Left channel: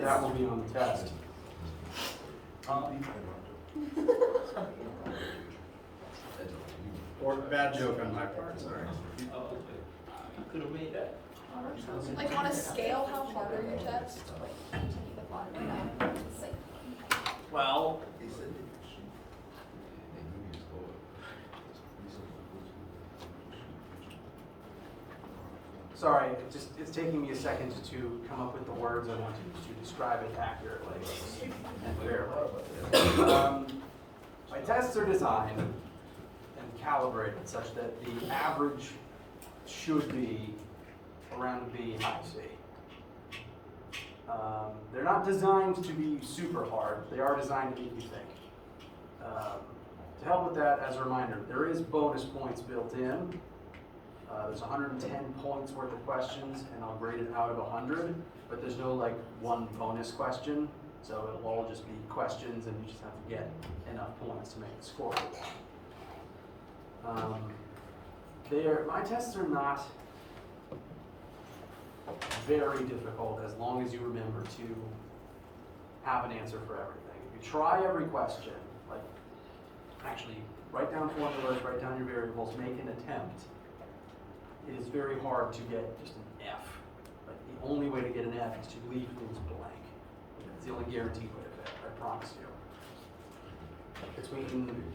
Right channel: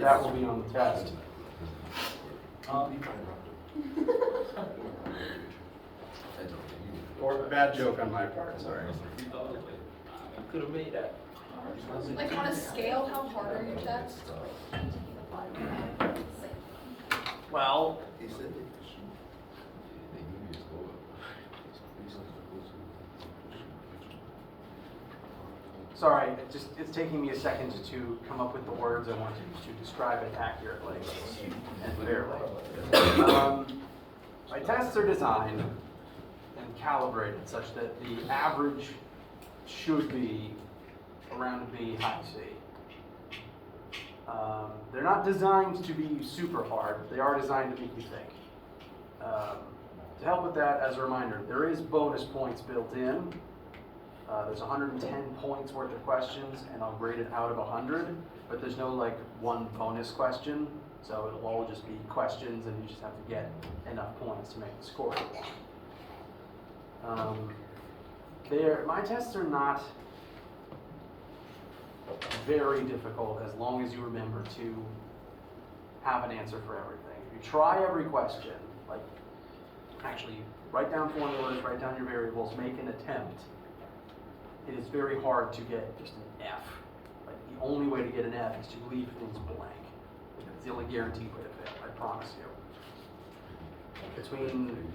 That will be on the test. Or bad joke on my part, sorry. Could have made that. Like on a scale, how hard are your tests? Well, sorry, it's taking me a second to come up with the words I want to describe it accurately and fairly. My tests are designed and calibrated such that the average should be around a B, high C. They're not designed to be super hard, they are designed to make you think. To help with that, as a reminder, there is bonus points built in. There's 110 points worth of questions, and I'll grade it out of 100, but there's no like one bonus question, so it'll all just be questions, and you just have to get enough points to make the score you want. My tests are not very difficult as long as you remember to have an answer for everything. If you try every question, like actually write down formulas, write down your variables, make an attempt, it is very hard to get just an F. Like the only way to get an F is to leave things blank. That's the only guaranteed way to fail, I promise you. Between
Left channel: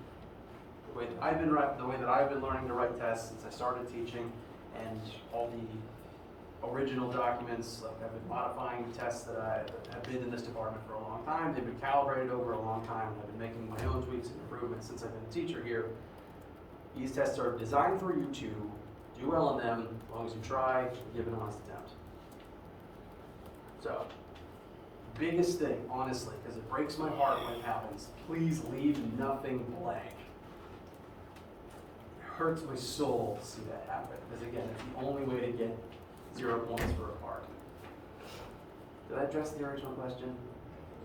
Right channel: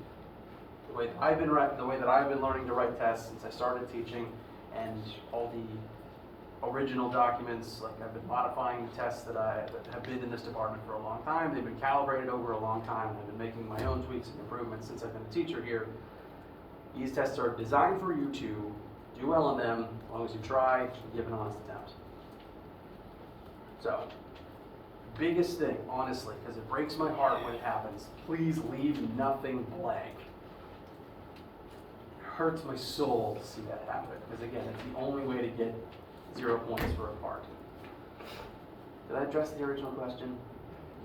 the way that I've been learning to write tests since I started teaching, and all the original documents, like I've been modifying the tests that have been in this department for a long time. They've been calibrated over a long time. I've been making my own tweaks and improvements since I've been a teacher here. These tests are designed for you to do well in them as long as you try and give an honest attempt. So, biggest thing, honestly, because it breaks my heart when it happens, please leave nothing blank. It hurts my soul to see that happen, because again, it's the only way to get 0 points for a part. Did I address the original question?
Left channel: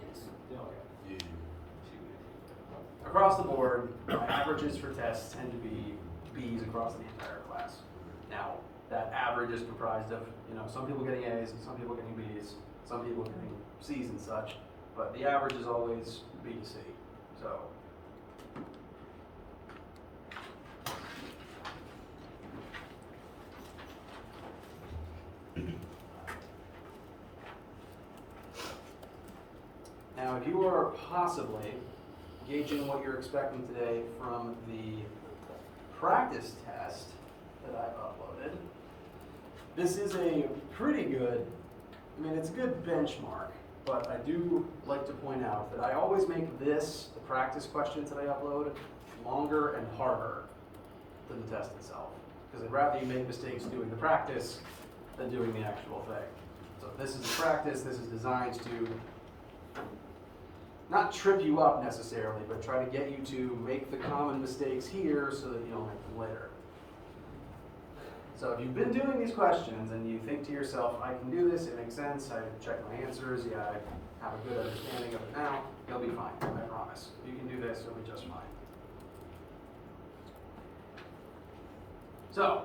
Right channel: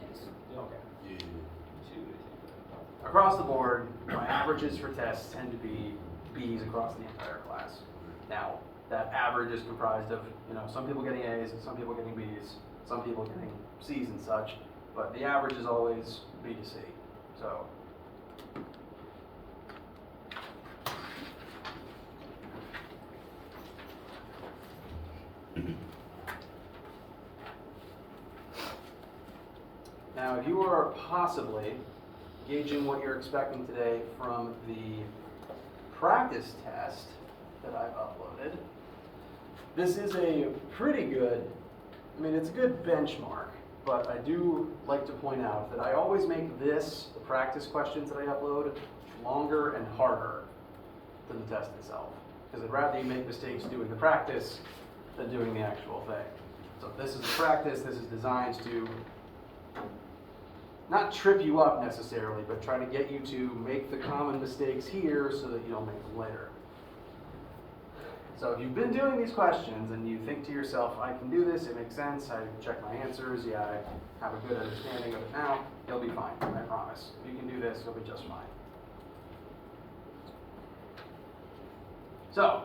Yes. Okay. Across the board, my averages for tests tend to be B's across the entire class. Now, that average is comprised of, some people getting A's, some people getting B's, some people getting C's and such, but the average is always B to C. So, now, if you are possibly gauging what you're expecting today from the practice test that I've uploaded, this is a pretty good, it's a good benchmark, but I do like to point out that I always make the practice questions that I upload, longer and harder than the test itself, because I'd rather you make mistakes doing the practice than doing the actual thing. So if this is the practice, this is designed to not trip you up necessarily, but try to get you to make the common mistakes here so that you don't make them later. So if you've been doing these questions and you think to yourself, I can do this, it makes sense, I check my answers, yeah, I have a good understanding of it now, you'll be fine, I promise. If you can do this, you'll be just fine. So,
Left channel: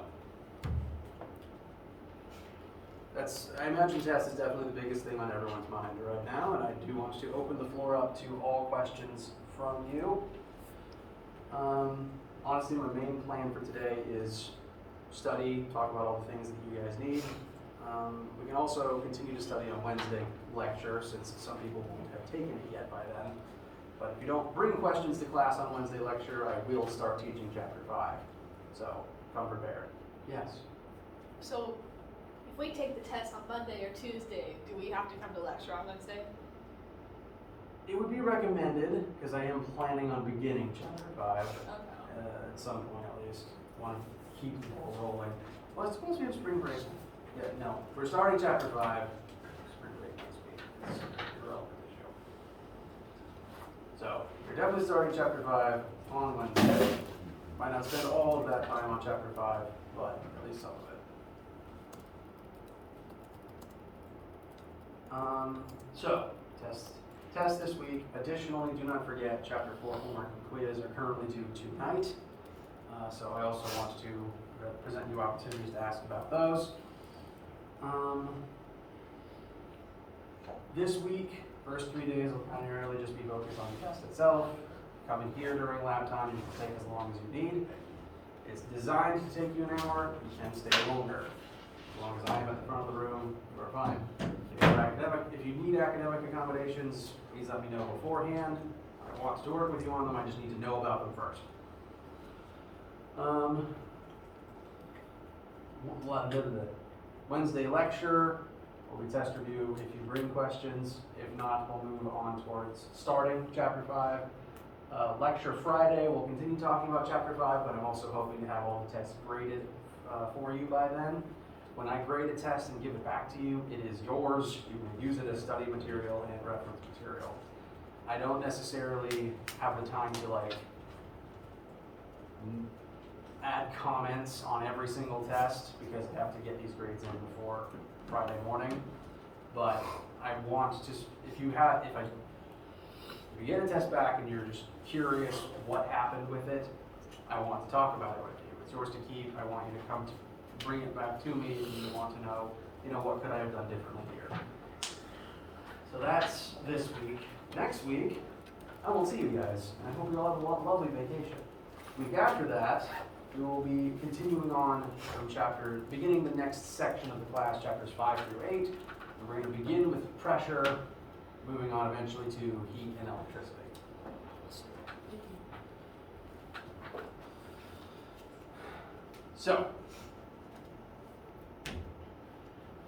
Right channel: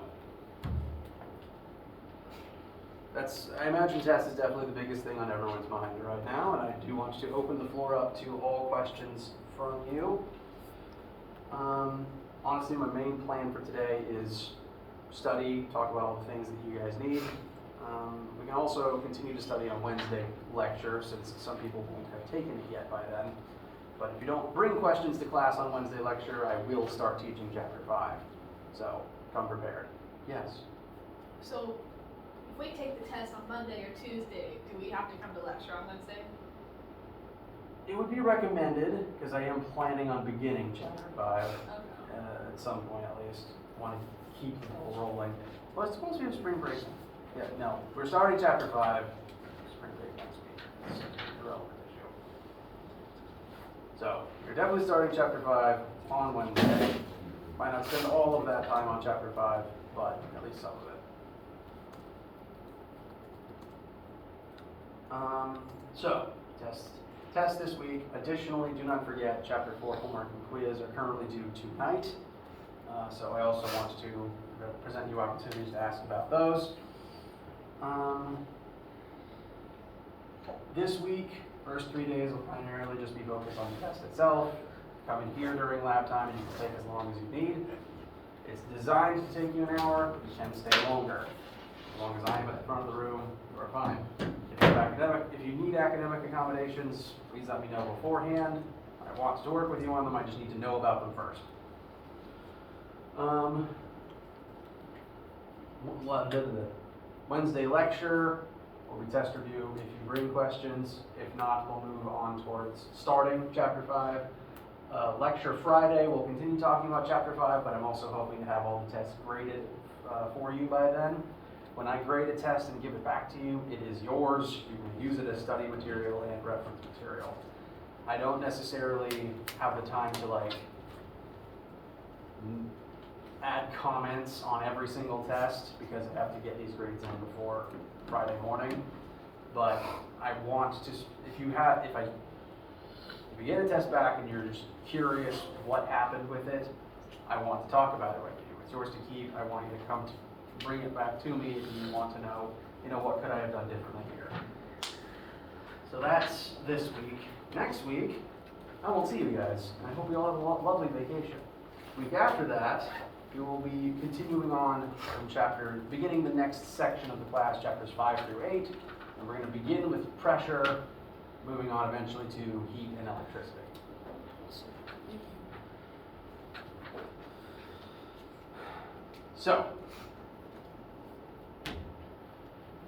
I imagine test is definitely the biggest thing on everyone's mind right now, and I do want to open the floor up to all questions from you. Honestly, my main plan for today is study, talk about all the things that you guys need. We can also continue to study on Wednesday lecture, since some people won't have taken it yet by then. But if you don't bring questions to class on Wednesday lecture, I will start teaching chapter 5. So, come prepared. Yes? So, if we take the test on Monday or Tuesday, do we have to come to lecture on Wednesday? It would be recommended, because I am planning on beginning chapter 5 at some point at least. I want to keep the ball rolling. Well, I suppose we have spring break. Yeah, no, we're starting chapter 5. Spring break next week. It's an irrelevant issue. So, we're definitely starting chapter 5 on Wednesday. Might not spend all of that time on chapter 5, but at least some of it. So, test this week. Additionally, do not forget, chapter 4 homework and quiz are currently due tonight. So I also want to present you opportunities to ask about those. This week, first 3 days will primarily just be focused on the test itself. Coming here during lab time, you can take as long as you need. It's designed to take you an hour. You can stay longer. As long as I am at the front of the room, we're fine. If you need academic accommodations, please let me know beforehand. I want to work with you on them. I just need to know about them first. Wednesday lecture will be test review if you bring questions. If not, we'll move on towards starting chapter 5. Lecture Friday, we'll continue talking about chapter 5, but I'm also hoping to have all the tests graded for you by then. When I grade a test and give it back to you, it is yours. You can use it as study material and reference material. I don't necessarily have the time to add comments on every single test because I have to get these grades in before Friday morning. But I want to, if you get a test back and you're just curious what happened with it, I want to talk about it with you. It's yours to keep. I want you to come to bring it back to me and you want to know, what could I have done differently here? So that's this week. Next week, I won't see you guys. I hope you all have a lovely vacation. Week after that, we will be continuing on from beginning the next section of the class, chapters 5 through 8. And we're going to begin with pressure, moving on eventually to heat and electricity. So,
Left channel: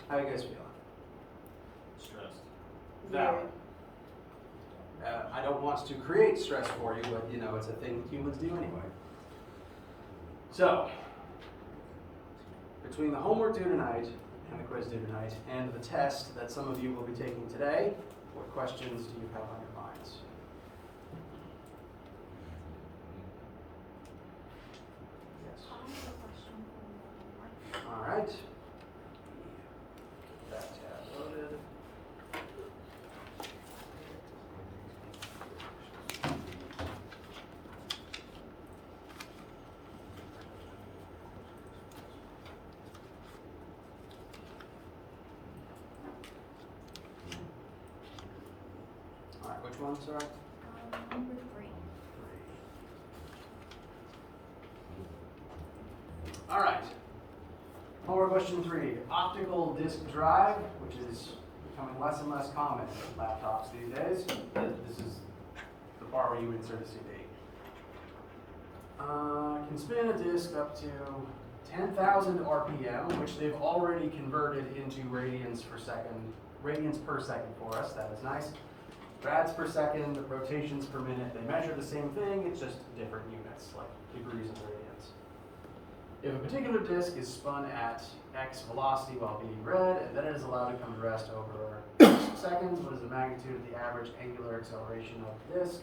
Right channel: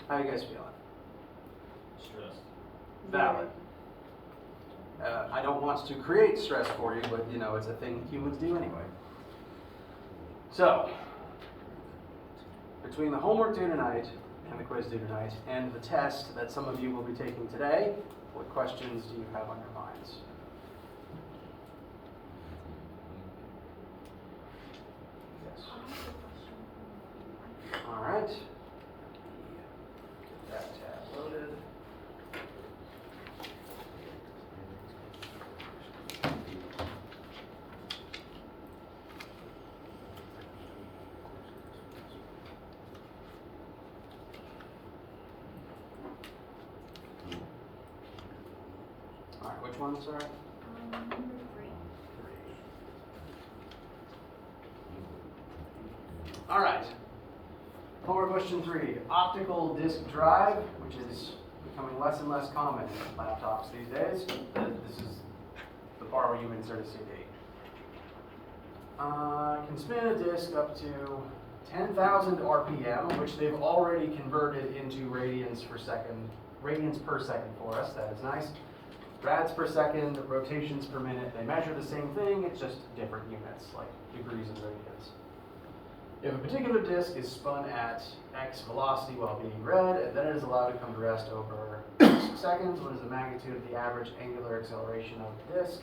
how are you guys feeling? Stressed. Valid. I don't want to create stress for you, but it's a thing humans do anyway. So, between the homework due tonight and the quiz due tonight and the test that some of you will be taking today, what questions do you have on your minds? Yes. All right. Get that tab loaded. All right, which one, sorry? Number 3. All right. Homework question 3. Optical disk drive, which is becoming less and less common in laptops these days. This is the part where you insert a CD. Can spin a disk up to 10,000 RPM, which they've already converted into radians per second for us. That is nice. Rads per second, rotations per minute. They measure the same thing, it's just different units, like degrees and radians. If a particular disk is spun at x velocity while being read, and then it is allowed to come to rest over 6 seconds, what is the magnitude of the average angular acceleration of the disk?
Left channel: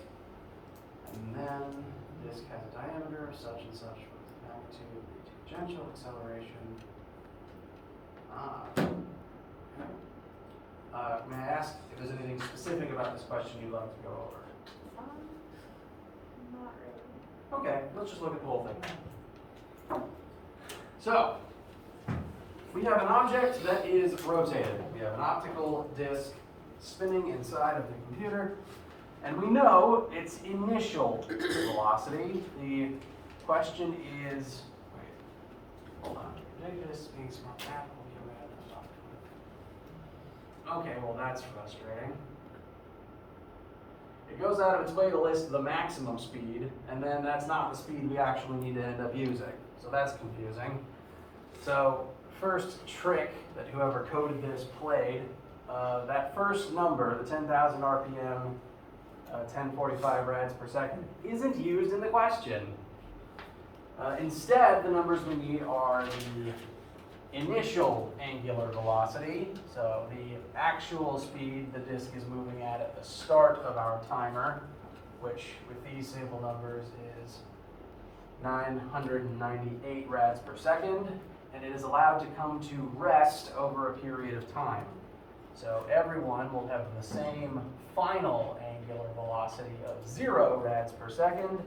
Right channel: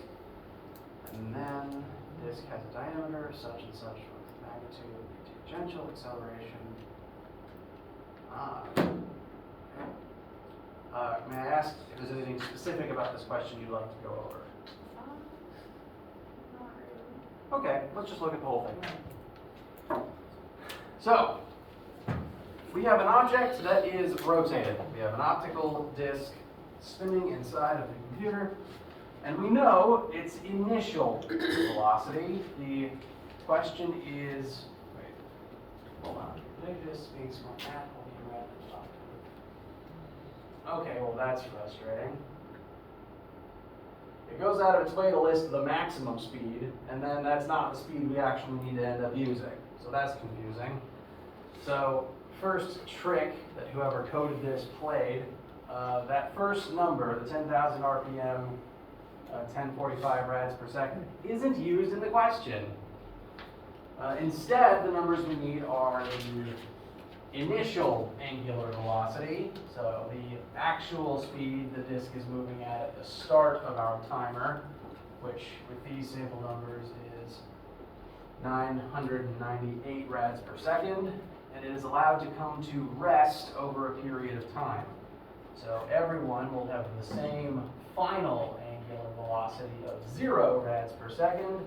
And then the disk has a diameter of such and such with magnitude, the tangential acceleration. May I ask if there's anything specific about this question you'd like to go over? Not really. Okay, let's just look at the whole thing. So, we have an object that is rotating. We have an optical disc spinning inside of the computer, and we know its initial velocity. The question is, hold on, negative is being spun at while being read. Okay, well that's frustrating. It goes out of its way to list the maximum speed, and then that's not the speed we actually need to end up using. So that's confusing. So first trick that whoever coded this played, that first number, the 10,000 RPM, 1045 rads per second, isn't used in the question. Instead, the numbers we need are the initial angular velocity, so the actual speed the disk is moving at the start of our timer, which with these sample numbers is 998 rads per second, and it is allowed to come to rest over a period of time. So everyone will have the same final angular velocity of 0 rads per second,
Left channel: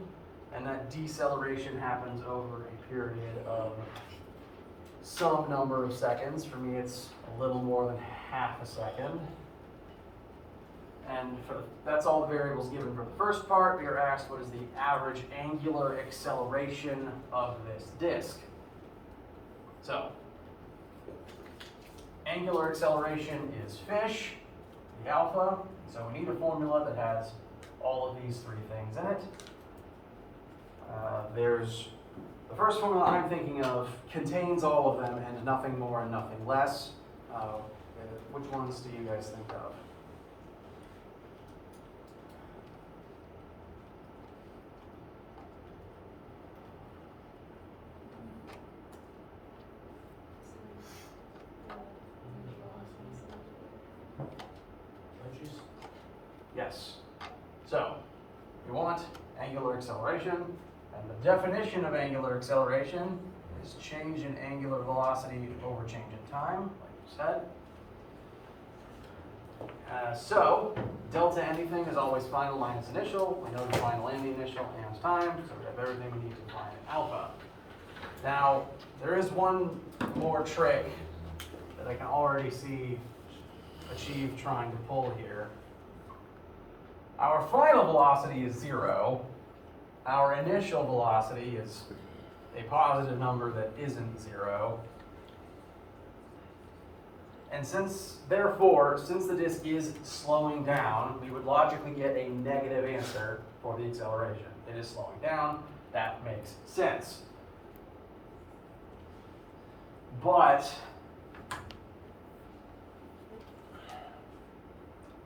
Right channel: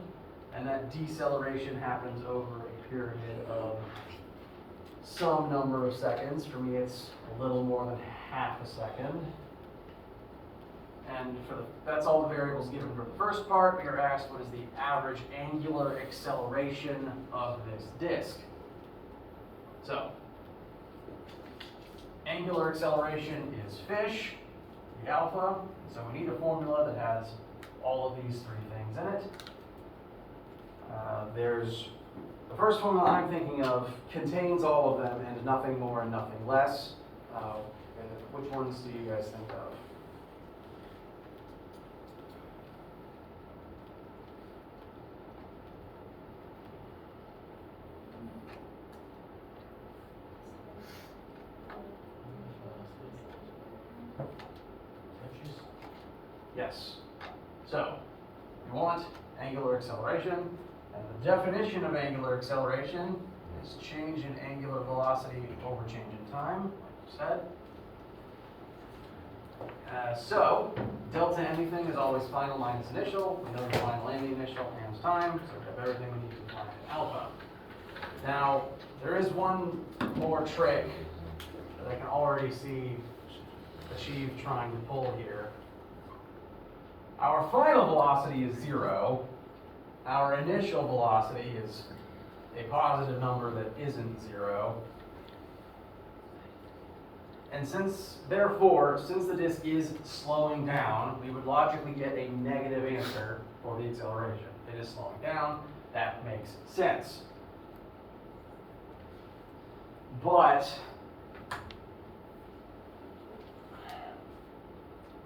and that deceleration happens over a period of some number of seconds. For me, it's a little more than half a second. And that's all the variables given for the first part. We are asked what is the average angular acceleration of this disk. So, angular acceleration is fish, the alpha, so we need a formula that has all of these three things in it. There's the first formula I'm thinking of contains all of them and nothing more and nothing less. Which ones do you guys think of? Yes. So, you want angular acceleration, and the definition of angular acceleration is change in angular velocity over change in time, like you said. So, delta anything is always final minus initial. We know the final and the initial and time, so we have everything we need to find alpha. Now, there is one more trick that I can already see Achieve trying to pull here. Our final velocity is 0. Our initial velocity is a positive number that isn't 0. And therefore, since the disk is slowing down, we would logically get a negative answer for the acceleration. It is slowing down. That makes sense. But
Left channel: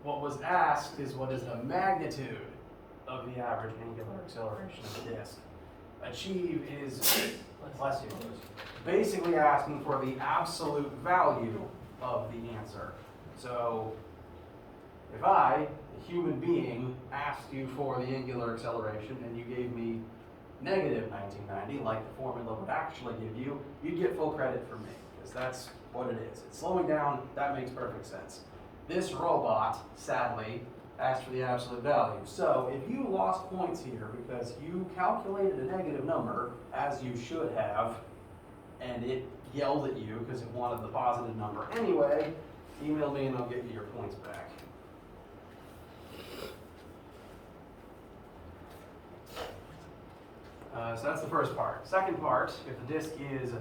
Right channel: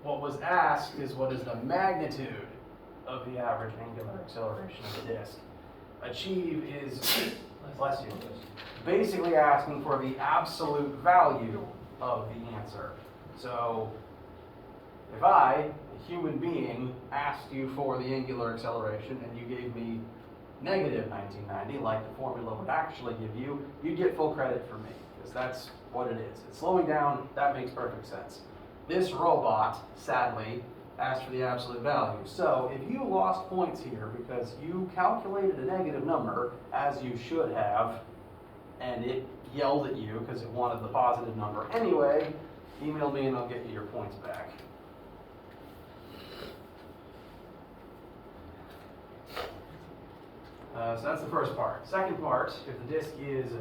what was asked is what is the magnitude of the average angular acceleration of the disk. Achieve is, bless you, basically asking for the absolute value of the answer. So if I, a human being, asked you for the angular acceleration and you gave me negative 1990, like the formula would actually give you, you'd get full credit from me, because that's what it is. It's slowing down, that makes perfect sense. This robot, sadly, asked for the absolute value. So if you lost points here because you calculated a negative number, as you should have, and it yelled at you because it wanted the positive number anyway, email me and I'll get you your points back. So that's the first part. Second part, if the disk is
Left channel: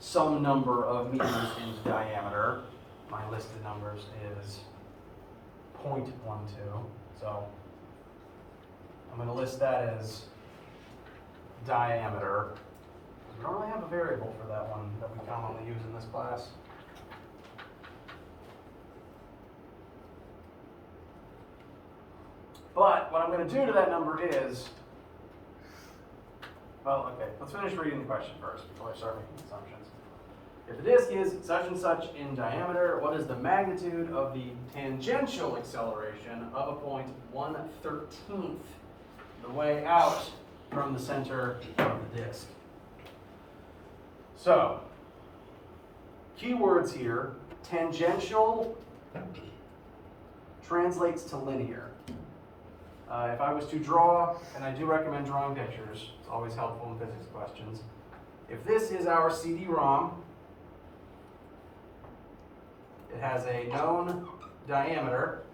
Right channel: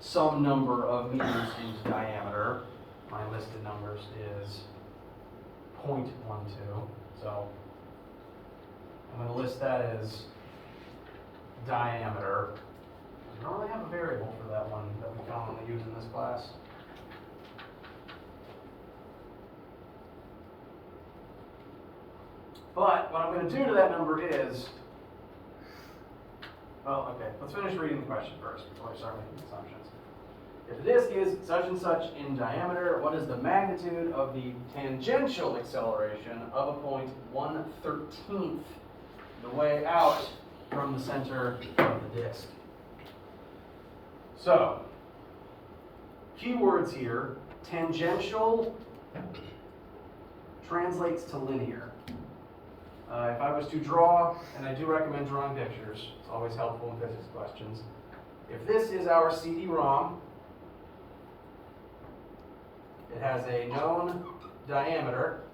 some number of meters in diameter, my listed numbers is 0.12. So I'm going to list that as diameter. We don't really have a variable for that one that we commonly use in this class. But what I'm going to do to that number is, well, okay, let's finish reading the question first before I start making assumptions. If the disk is such and such in diameter, what is the magnitude of the tangential acceleration of a point 1/13 the way out from the center of the disk? So, keywords here, tangential translates to linear. If I was to draw, and I do recommend drawing pictures, it's always helpful in physics questions. If this is our CD-ROM, it has a known diameter,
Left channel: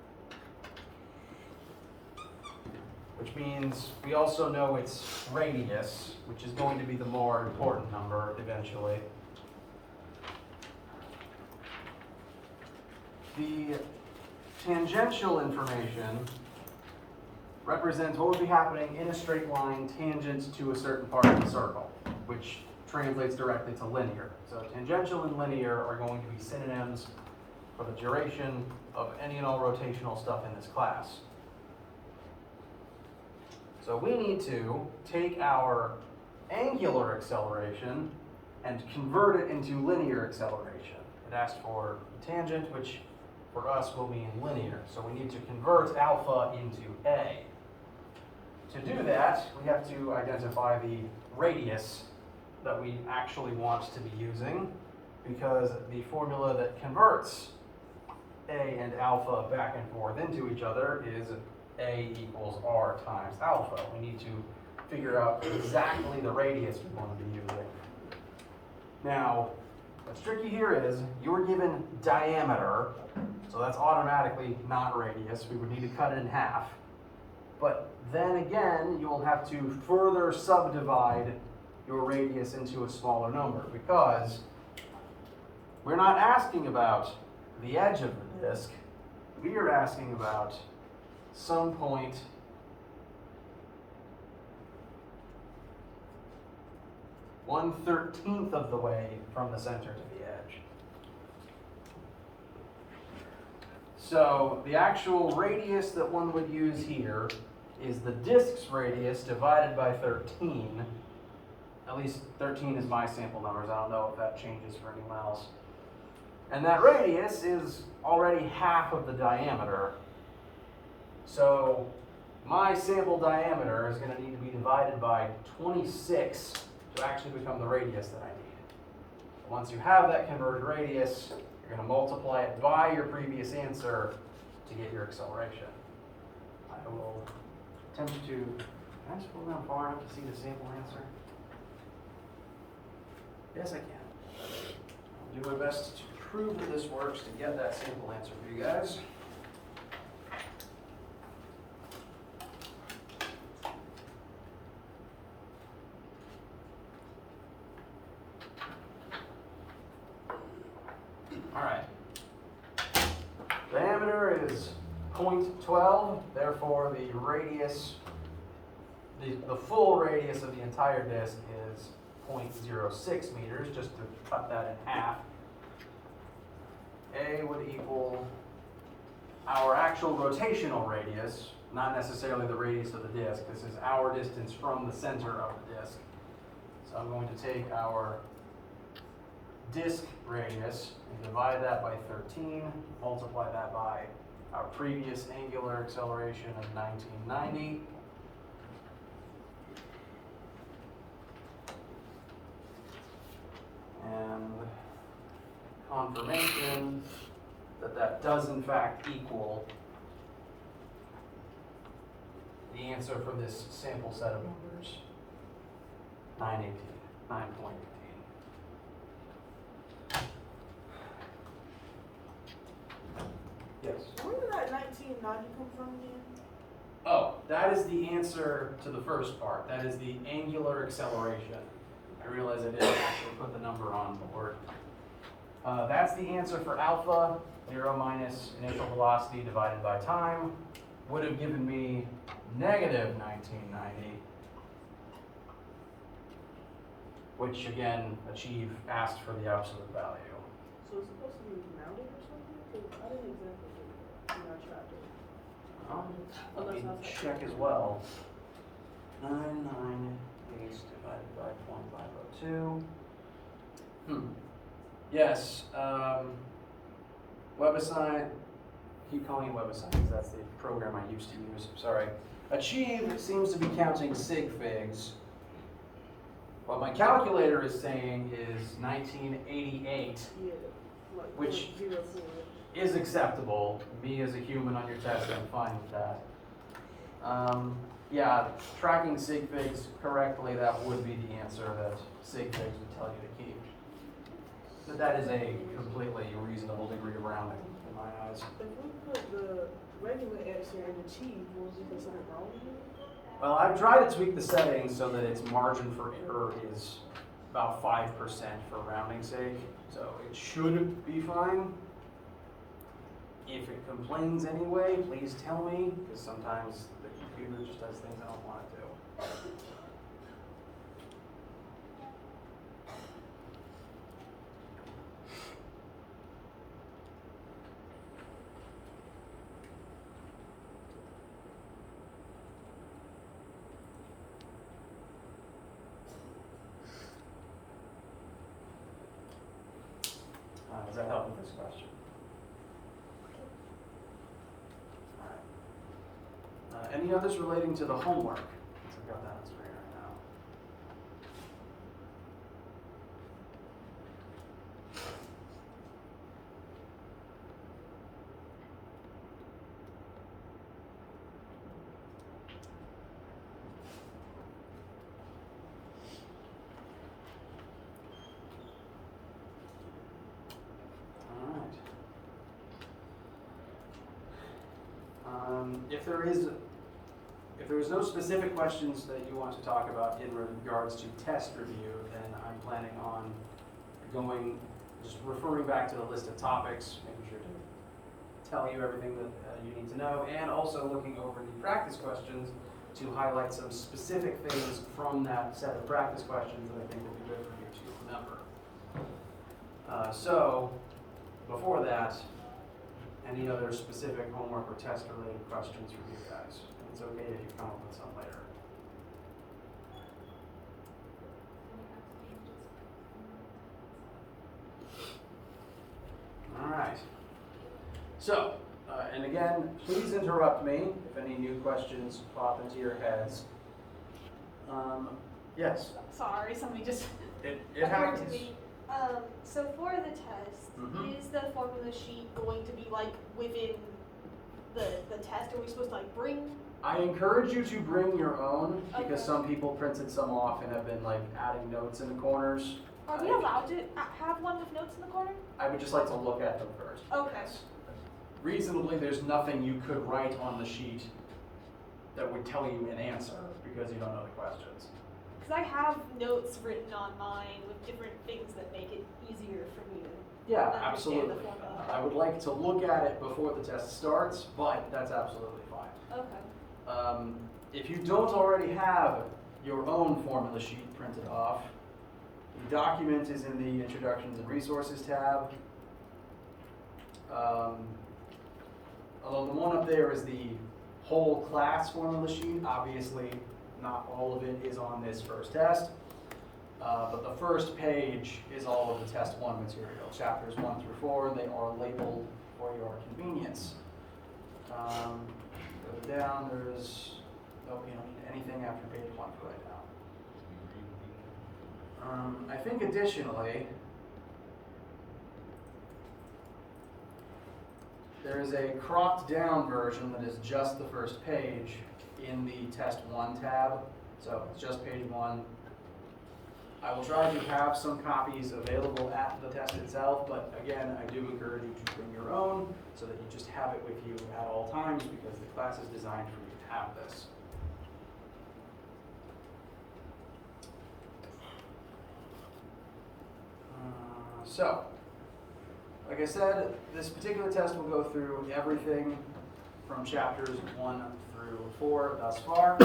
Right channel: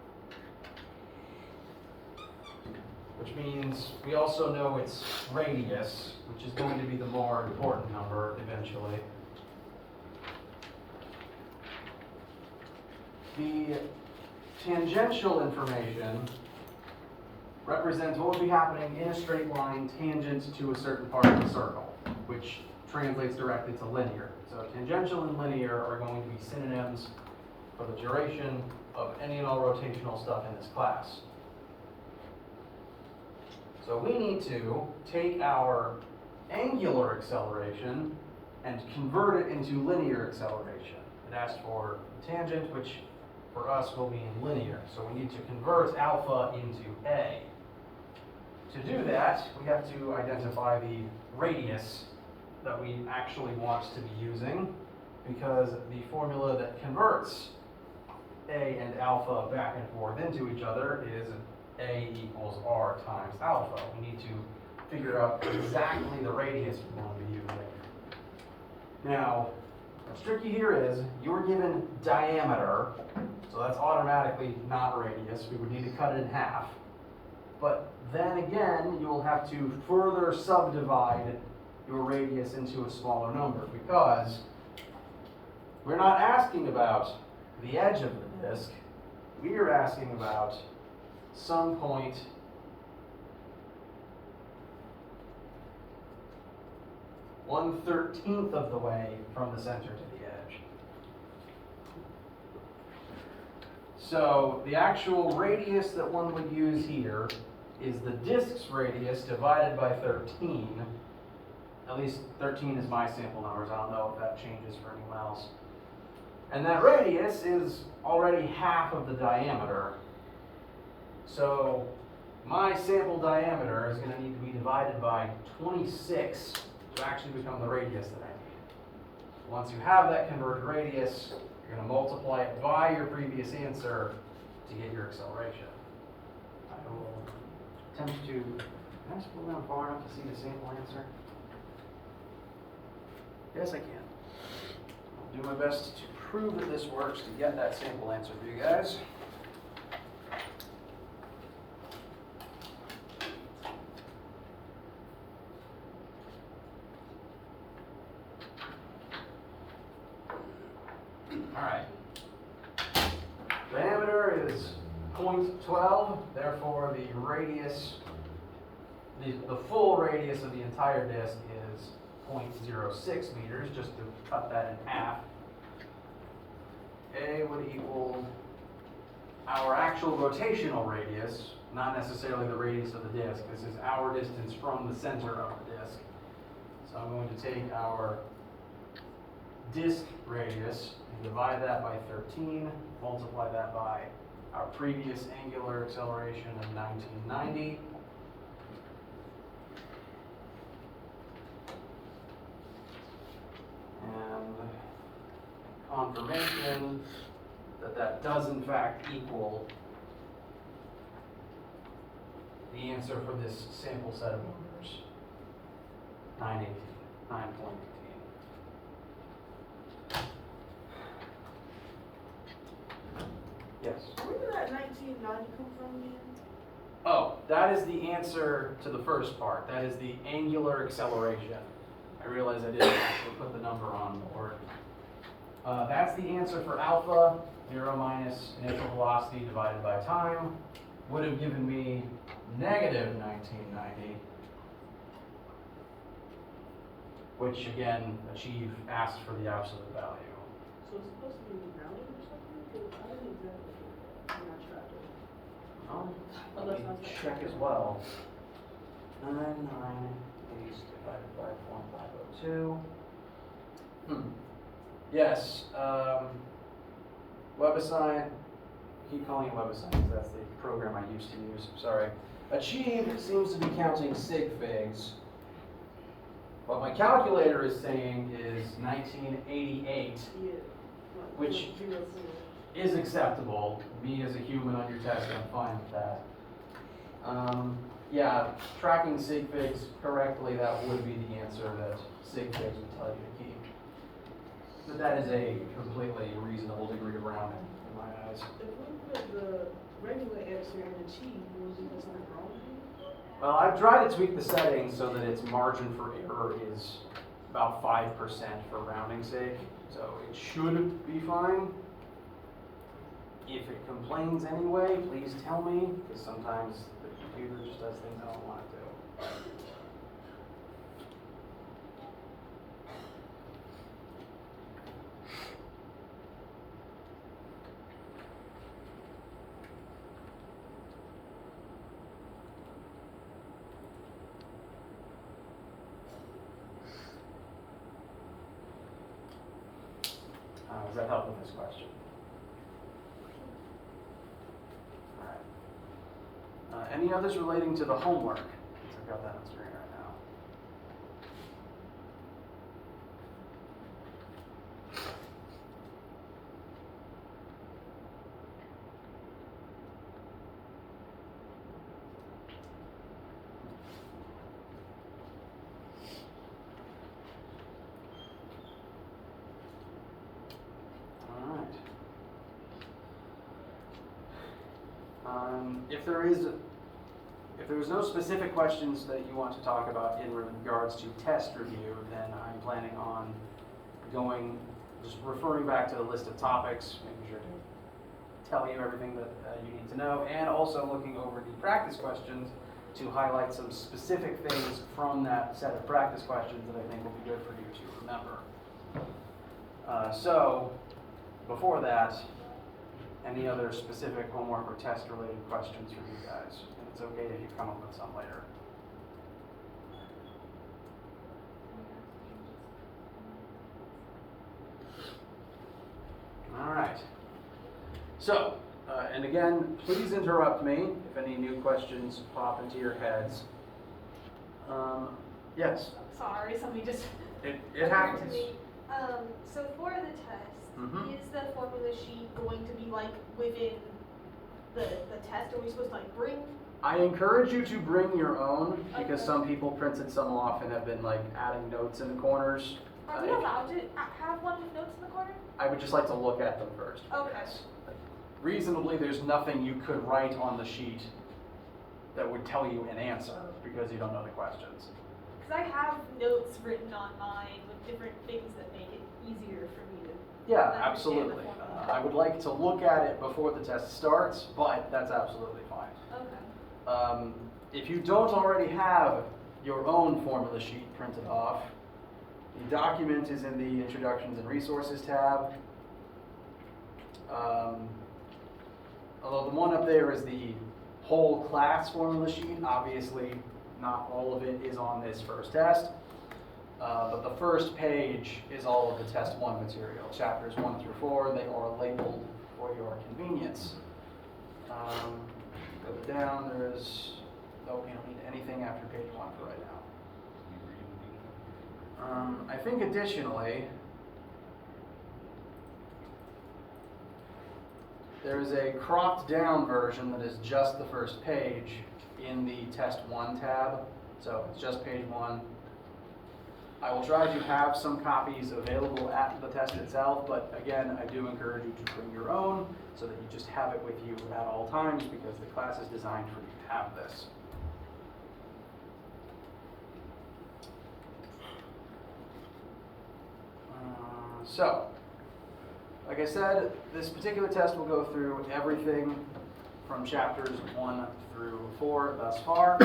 which means we also know its radius, which is going to be the more important number eventually. The tangential information represents what would be happening in a straight line tangent to a certain part of the circle, which translates directly to linear. So tangential and linear are going to be synonyms for the duration of any and all rotational stuff in this class. So we need to take our angular acceleration and convert it into linear acceleration. It asked for tangent, which for us will mean linear. So we need to convert alpha into A. To do that, we have to identify the radius that we actually want to be using, because the formula that converts A and alpha back and forth into each other is A equals R times alpha. We need to figure out exactly the radius we want to be using. Now, what's tricky here is you're given diameter, so that's automatically not radius. We would need to cut it in half. But then again, you will have to further subdivide your radius into a smaller number because we're not asking about the edge of the disk. We are asking about some point one-13th of the way from the center to the edge. So the actual radius that one would use here is the disk's radius divided by 13. At least 13 is my sample numbers. I don't know if that changes for anyone else. And that radius is already half of the diameter. So my sample diameter is going to need to be divided by 26 to actually become the radius that I need. Once you have that converted radius, you're going to multiply it by your previous answer to get your acceleration. I will attempt to, can I scroll down far enough to see the sample answer? Yes, I can. I'll do my best to prove that this works to get that sample answer for you guys. All right. Diameter is 0.12, therefore the radius, the full radius of the entire disk is 0.06 meters, just to cut that in half. A would equal our actual rotational radius, not necessarily the radius of the disk. This is our distance from the center of the disk. So I'm going to take our disk radius and divide that by 13, multiply that by our previous angular acceleration of 1990. And confirmation that that does in fact equal the answer for this sample set of numbers, 9.18. Yes? Where did that 1990 come from again? Oh, that is the answer to the first part. That is the angular acceleration. I realize I didn't actually put the number on board. That's the answer for alpha. 0 minus initial velocity divided by time would have given me negative 1990, which again, asked for the absolute value. So it's supposed to be rounded or something? 'Cause I didn't exactly do that when I tried it. Let me check as well. 998 divided by 0.502. Yes, WebAssign, I keep calling it WebAssign because that's the program I used to use, sorry. Achieve seems to be counting sig figs. What my calculator is saying is 1988, Yeah. Like, which 0, 4. is acceptable. Me as a human on your test, I'm fine with that. Yeah, tracking sig figs correctly, that would be the answer that sig figs would tell you to keep. But that is a completely reasonable degree of rounding in my eyes. If we put the regular answer and achieve, was it because something wrong with it? Well, I've tried to tweak the settings so that its margin for error is about 5% for rounding sake. So it should be fine. If it complains anyway, please tell me, because sometimes the computer just does things I don't want it to. Does that help with this question? All right. Any others relating to the homework? Since I've got that on screen right now. If there's no specific questions that you want to talk about in regards to test review, then I'm planning on just referring back to the list of topics, making sure to tell you everything that you need to know, and also looking over the practice questions to highlight some specific things from that set of practice questions that I think will be good for you to remember. So, before that, any other specific homework or test related questions for you guys? And it's okay if you come up with some later. All right. So, and again, please interrupt me if any new questions pop into your heads. Yes, Sorry, somebody just it occurred happens. to me. So for the test, Mhm. is the formula sheet going to be like within the test? Are we supposed to like bring? I encourage you to bring your own because Okay. some people printed some off and have been like adding notes in the corners. Are we allowed to have one with notes in the corner? I would just like to look at them first. Okay. Yes. Reasonably, there's nothing you could write on the sheet that would tell you an answer because you don't know the questions. Because I have notes written on mine with different things that make it easier for me to. Yeah, understand the absolutely. formula. I would like to look at it before the test starts, but that's absolutely fine. Okay. If you don't already have your own formula sheet printed off, the document is in the Introductions and Resources tab. Although the one up there is the whole class formula sheet, obviously not all of it is on this first test. But the first page is all of the test 1 material. Chapters 1 through 4, they are labeled for your convenience. Further down, nope, you don't need anything after page 1 for right now. I think additionally, there is a cropped down version that is just the first page in the test 1 tab. So it's just page 1. I will try to have some copies available at the test itself, but again, I do encourage you to bring your own so that you just have it with you at all times because the class is designed for you to have this. So, like I said, this particular test will go through everything from chapters 1 through 4 thus far,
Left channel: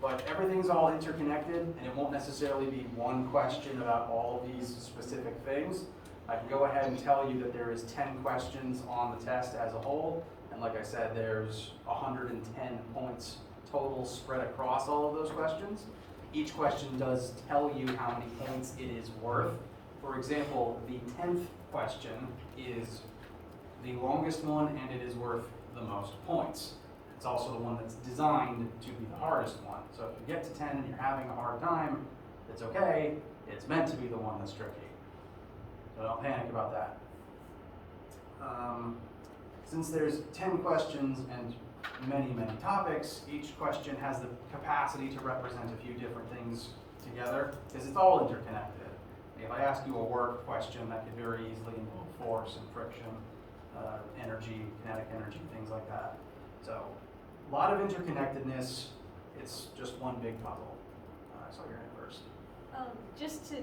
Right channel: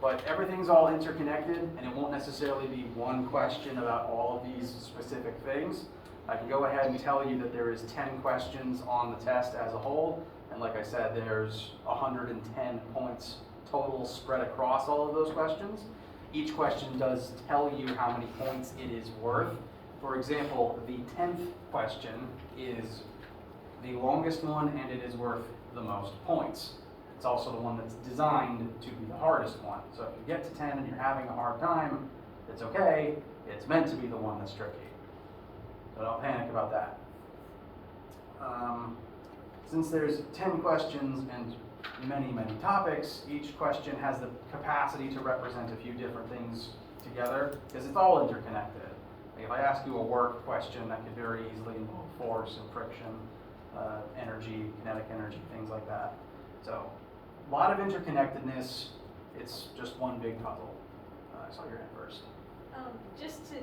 but everything's all interconnected and it won't necessarily be one question about all of these specific things. I can go ahead and tell you that there is 10 questions on the test as a whole, and like I said, there's 110 points total spread across all of those questions. Each question does tell you how many points it is worth. For example, the 10th question is the longest one and it is worth the most points. It's also the one that's designed to be the hardest one. So if you get to 10 and you're having a hard time, it's okay. It's meant to be the one that's tricky. So don't panic about that. Since there's 10 questions and many, many topics, each question has the capacity to represent a few different things together because it's all interconnected. Like if I ask you a work question, that could very easily involve force and friction, energy, kinetic energy, things like that. So a lot of interconnectedness. It's just one big puzzle. So you're in first. Just to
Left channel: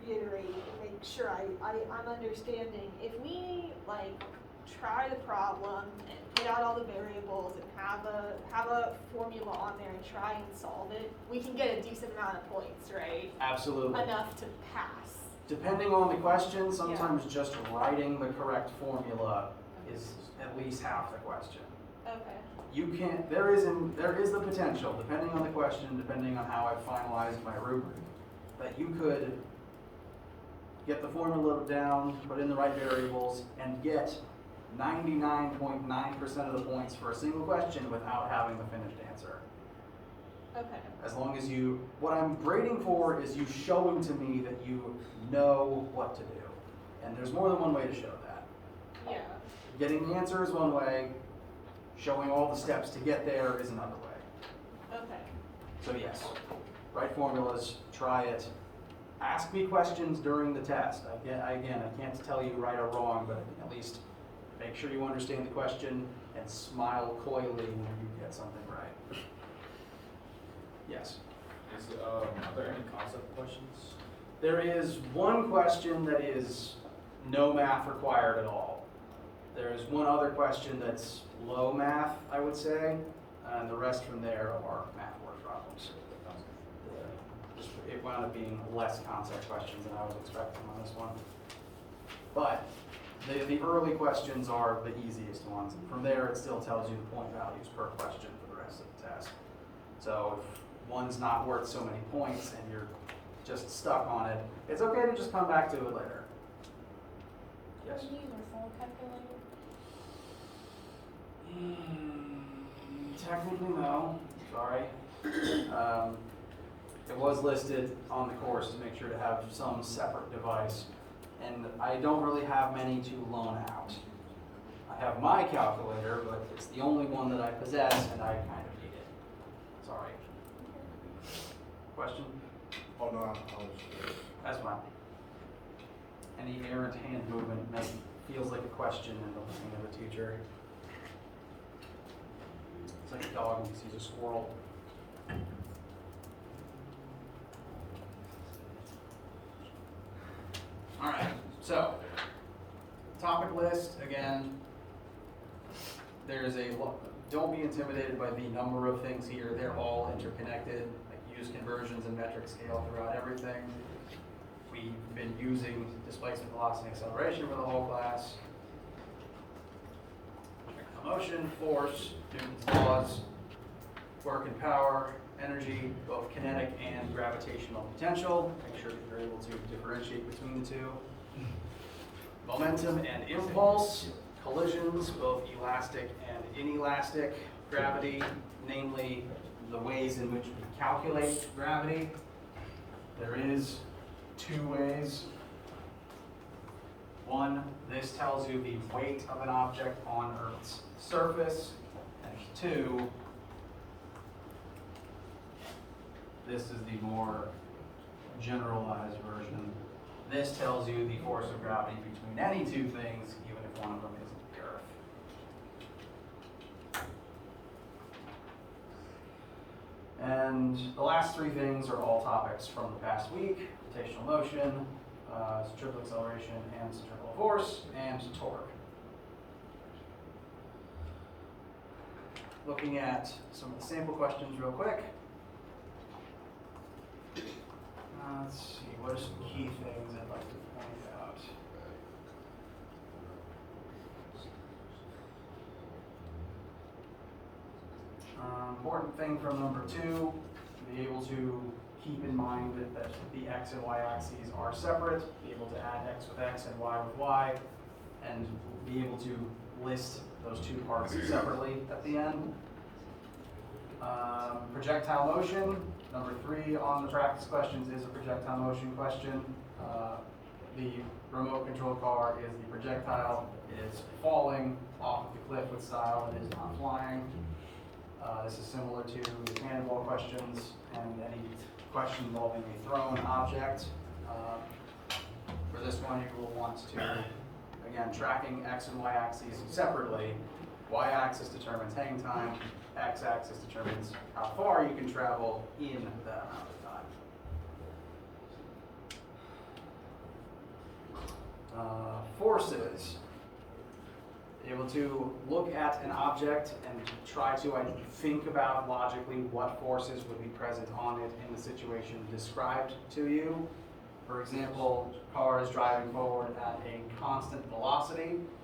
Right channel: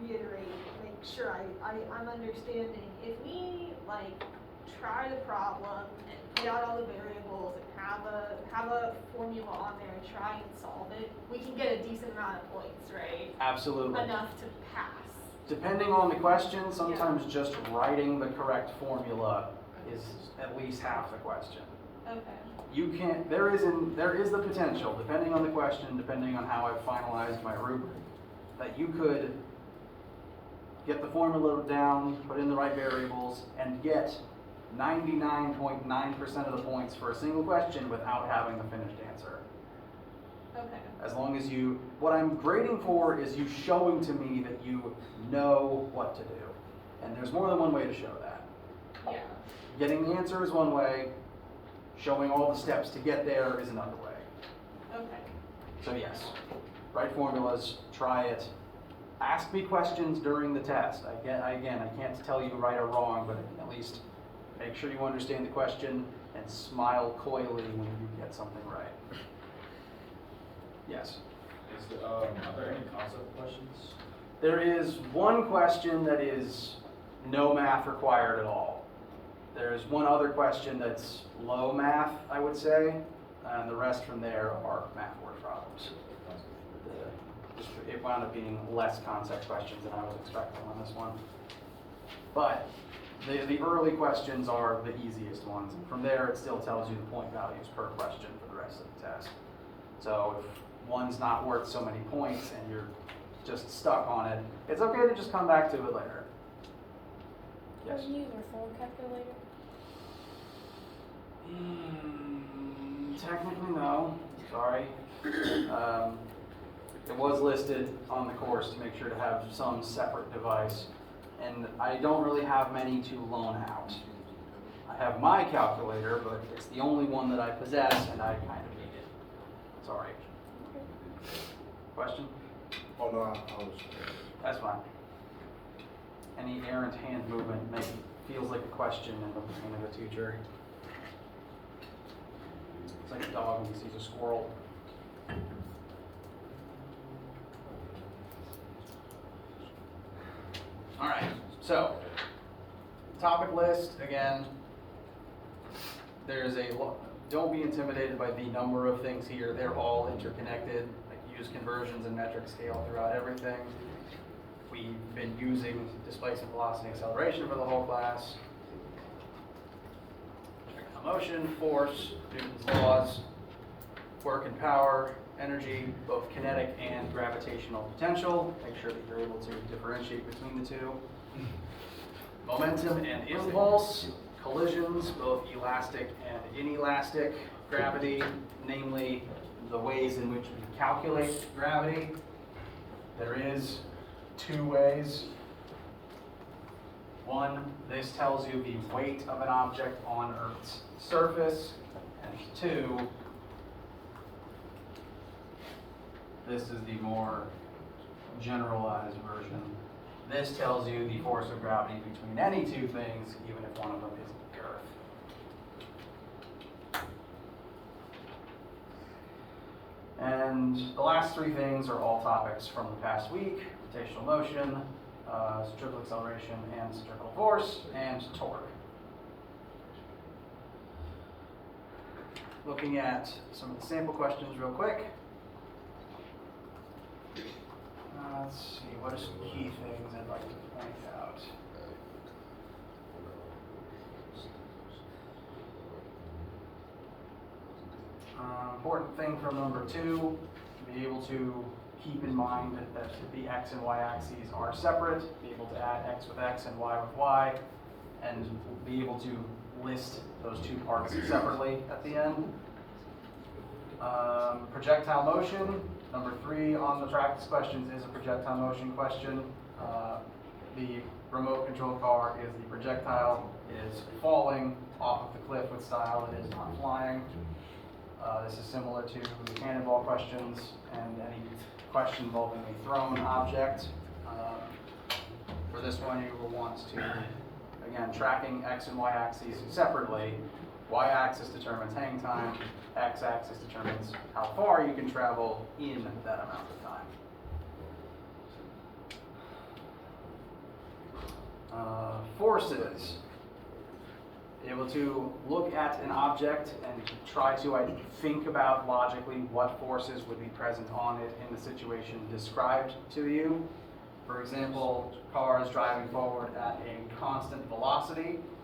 reiterate and make sure I'm understanding, if we like try the problem and get out all the variables and have a formula on there and try and solve it, we can get a decent amount of points, right? Absolutely. Enough to pass. Depending on the question, sometimes just writing the correct formula is at least half the question. Okay. You can't, there is the potential, depending on the question, depending on how I've finalized my rubric, that you could get the formula down, put in the right variables, and get 99.9% of the points for a single question without having the finished answer. Okay. As long as what I'm grading for is you showing to me that you know what to do. And there's more than one way to show that. Yeah. Getting the answer is one way, showing all the steps to get there is another way. Okay. So yes, write formulas, try it. Ask me questions during the test. I can't tell you right or wrong, but at least make sure you understand the question. and smile coyly when you get something right. Yes? Are there any concept questions? There is one question that is no math required at all. There's one other question that's low math, I would say, and the rest from there are math word problems. It wound up being less concept questions than I was expecting on this one. But the early questions are the easiest ones. And from there, it still tells you the point values per question for the rest of the test. So if one's not worth so many points and you're just stuck on it, it's okay to just come back to it later. Yes? Can you use my phone calculator? Technically, no. Sorry. It was listed on the course to make sure to have some separate device, and I don't really have many to loan out. I have my calculator, but it's the only one that I possess, and I kind of hate it. Sorry. Question? Oh, no, I was. That's fine. Any errant hand movement feels like a question in the brain of a teacher. It's like a dog when he sees a squirrel. All right, so topic list again. Don't be intimidated by the number of things here. They're all interconnected. Like use conversions and metric scale throughout everything. We've been using displacement, velocity, and acceleration for the whole class. Motion, force, Newton's laws, work and power, energy, both kinetic and gravitational potential. Make sure that you're able to differentiate between the two. Momentum and impulse, collisions, both elastic and inelastic, gravity, namely the ways in which we calculate gravity. There is two ways. One, this tells you the weight of an object on Earth's surface, and two, this is the more generalized version. This tells you the force of gravity between any two things, even if one of them isn't the Earth. And the last three things are all topics from the past week: rotational motion, centrifugal acceleration and centrifugal force, and torque. Looking at some sample questions real quick. Let's see, what are some key things I'd like to point out? Important thing from number 2, be able to keep in mind that the x and y axes are separate, be able to add x with x and y with y, and be able to list those two parts separately at the end. Projectile motion, number 3 on the practice questions is a projectile motion question. The remote control car is the projectile. It is falling off of the cliff with style, it is not flying. This is similar to the cannonball questions and any question involving a thrown object. For this one, you will want to, again, tracking x and y axes separately. Y-axis determines hang time, x-axis determines how far you can travel in that amount of time. Forces. Be able to look at an object and try to think about logically what forces would be present on it in the situation described to you. For example, car is driving forward at a constant velocity.